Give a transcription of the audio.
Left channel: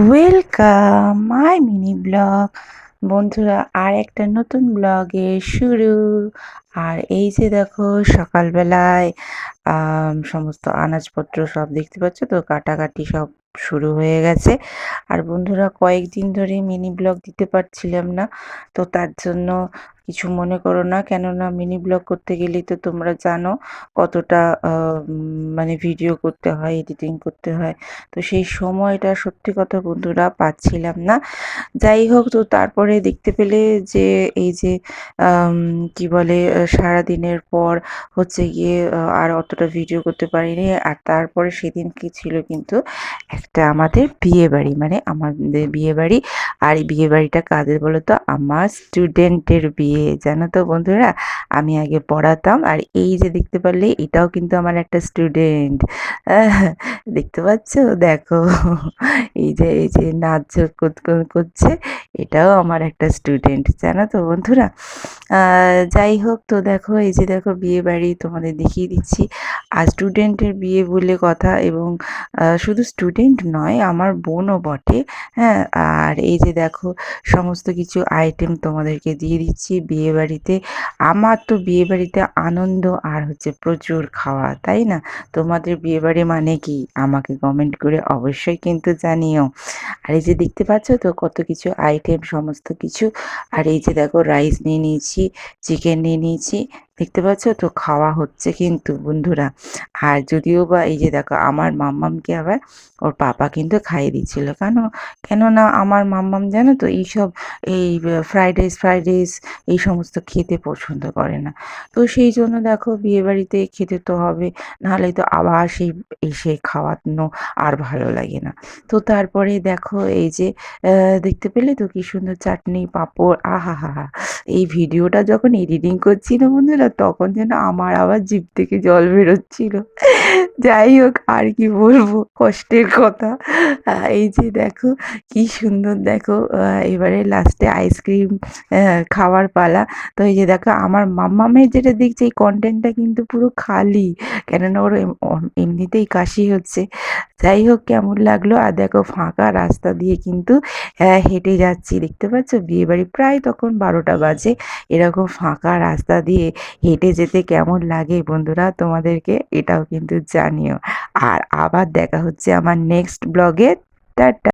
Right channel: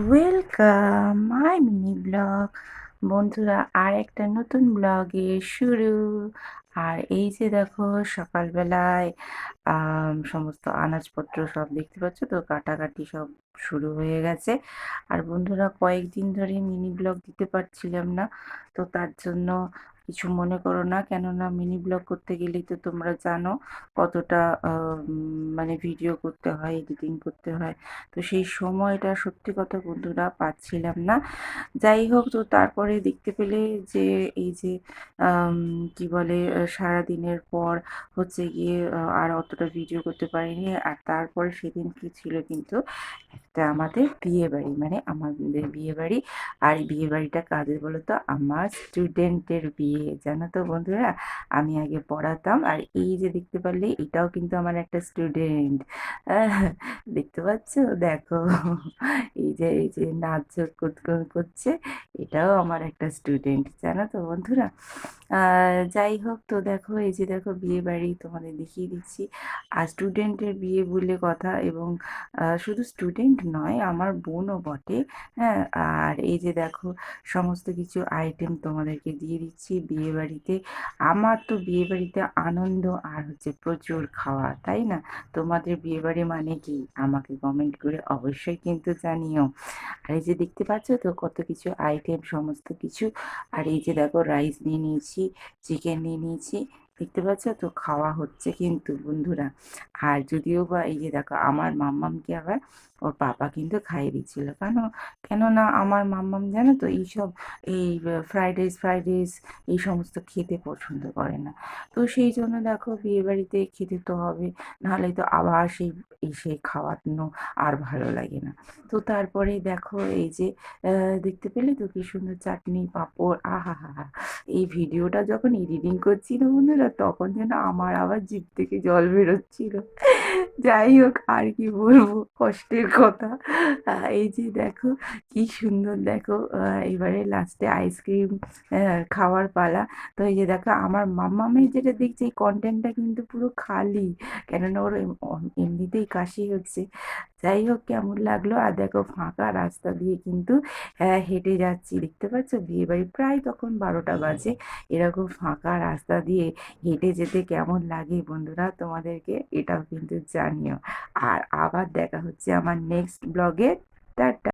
Welcome my mini blog. বন্ধুরা, আর একটা নতুন ব্লগে শুরু। আর এই যে দেখো, সকালবেলায় সমস্ত আনাজপত্র সব দেখতে পাচ্ছ তো, কাটাকাটি সব শুরু হয়ে গেছে। আর বন্ধুরা, কয়েকদিন ধরে মিনি ব্লগ দিতে পারছিলাম না, তো তার জন্য কিছু মনে করো না। কেননা মিনি ব্লগ করতে গেলেই তো তোমরা জানো কতটা মানে ভিডিও করতে হয়, এডিটিং করতে হয়। তো সেই সময়টা সত্যি কথা বন্ধুরা পাচ্ছিলাম না। যাই হোক, তো তারপরে দেখতে পেলে যে এই যে কি বলে, সারাদিনের পর হচ্ছে গিয়ে আর অতটা ভিডিও করতে পারিনি। আর তারপরে সেদিন কি ছিল কিন্তু একটা আমাদের বিয়ে বাড়ি, মানে আমাদের বিয়ে বাড়ি। আর এই বিয়ে বাড়িটা কাদের বলো তো? আমার স্টুডেন্টের বিয়ে, জানো তো বন্ধুরা। আমি আগে পড়াতাম, আর এই যে দেখতে পারলে এটাও কিন্তু আমার একটা স্টুডেন্ট। দেখতে পাচ্ছ? দেখো, এই যে নাচ করছে, এটাও আমার একটা স্টুডেন্ট, জানো তো বন্ধুরা। যাই হোক, তো দেখো এই যে দেখো বিয়ে বাড়ি তোমাদের দেখিয়ে দিচ্ছি। আর স্টুডেন্টের বিয়ে বলে কথা, এবং শুধু স্টুডেন্ট নয়, আমার বোনও বটে। হ্যাঁ, আর এই যে দেখো সমস্ত কিছু আইটেম তোমাদেরকে দিয়ে দিচ্ছি বিয়ে বাড়িতে। আমার তো বিয়ে বাড়িতে আনন্দ আর হচ্ছে প্রচুর খাওয়া, তাই না? তোমাদের বিয়ে বাড়ি মানে কি আমাকে কমেন্ট করে অবশ্যই কিন্তু জানিও। আর এই যে দেখতে পাচ্ছ তো কত কিছু আইটেম, সমস্ত কিছু। আর এই যে দেখো রাইস নিয়ে নিয়েছি, চিকেন নিয়ে নিয়েছি, দেখতে পাচ্ছ তো খাওয়া হচ্ছে কিন্তু বন্ধুরা। আর যদিও বা এই যে দেখো আমার মাম্মামকে আবার ওর পাপা কিন্তু খাইয়ে দিচ্ছিল। কেননা আমার মাম্মাম জানো তো এইসব, এই ফ্রাইড রাইস এই সমস্ত খেতে পছন্দ করে না। তো সেই জন্য দেখো বিয়েবাড়িতে খেতে তো হবে, নাহলে তো আবার সেই এসে খাওয়ানো আর ভালো লাগে না। তো তারপরে দেখো এই যে দেখতে পেলে তো কি সুন্দর চাটনি পাঁপড়, আহা হা হা। এই ভিডিওটা যখন এডিটিং করছি না বন্ধুরা, তখন যেন আমার আবার জিভ থেকে জল বেরোচ্ছিল। যাই হোক, আর কি বলবো, কষ্টের কথা। এই যে দেখো কি সুন্দর, দেখো এবারে লাস্টে আইসক্রিম খাওয়ার পালা। তো এই যে দেখো আমার মাম্মামের যেটা দেখছি, এই কন্টেন্টটা কিন্তু পুরো খালি, কেননা ওর এমনিতেই কাশি হচ্ছে। যাই হোক, কেমন লাগলো? আর দেখো ফাঁকা রাস্তা দিয়ে কিন্তু হেঁটে যাচ্ছি, দেখতে পাচ্ছ? বিয়েবাড়ি প্রায় তখন 12টা বাজে। এরকম ফাঁকা রাস্তা দিয়ে হেঁটে যেতে কেমন লাগে বন্ধুরা তোমাদেরকে এটাও কিন্তু জানিও। আর আবার দেখা হচ্ছে আমার নেক্সট ব্লগে। টাটা।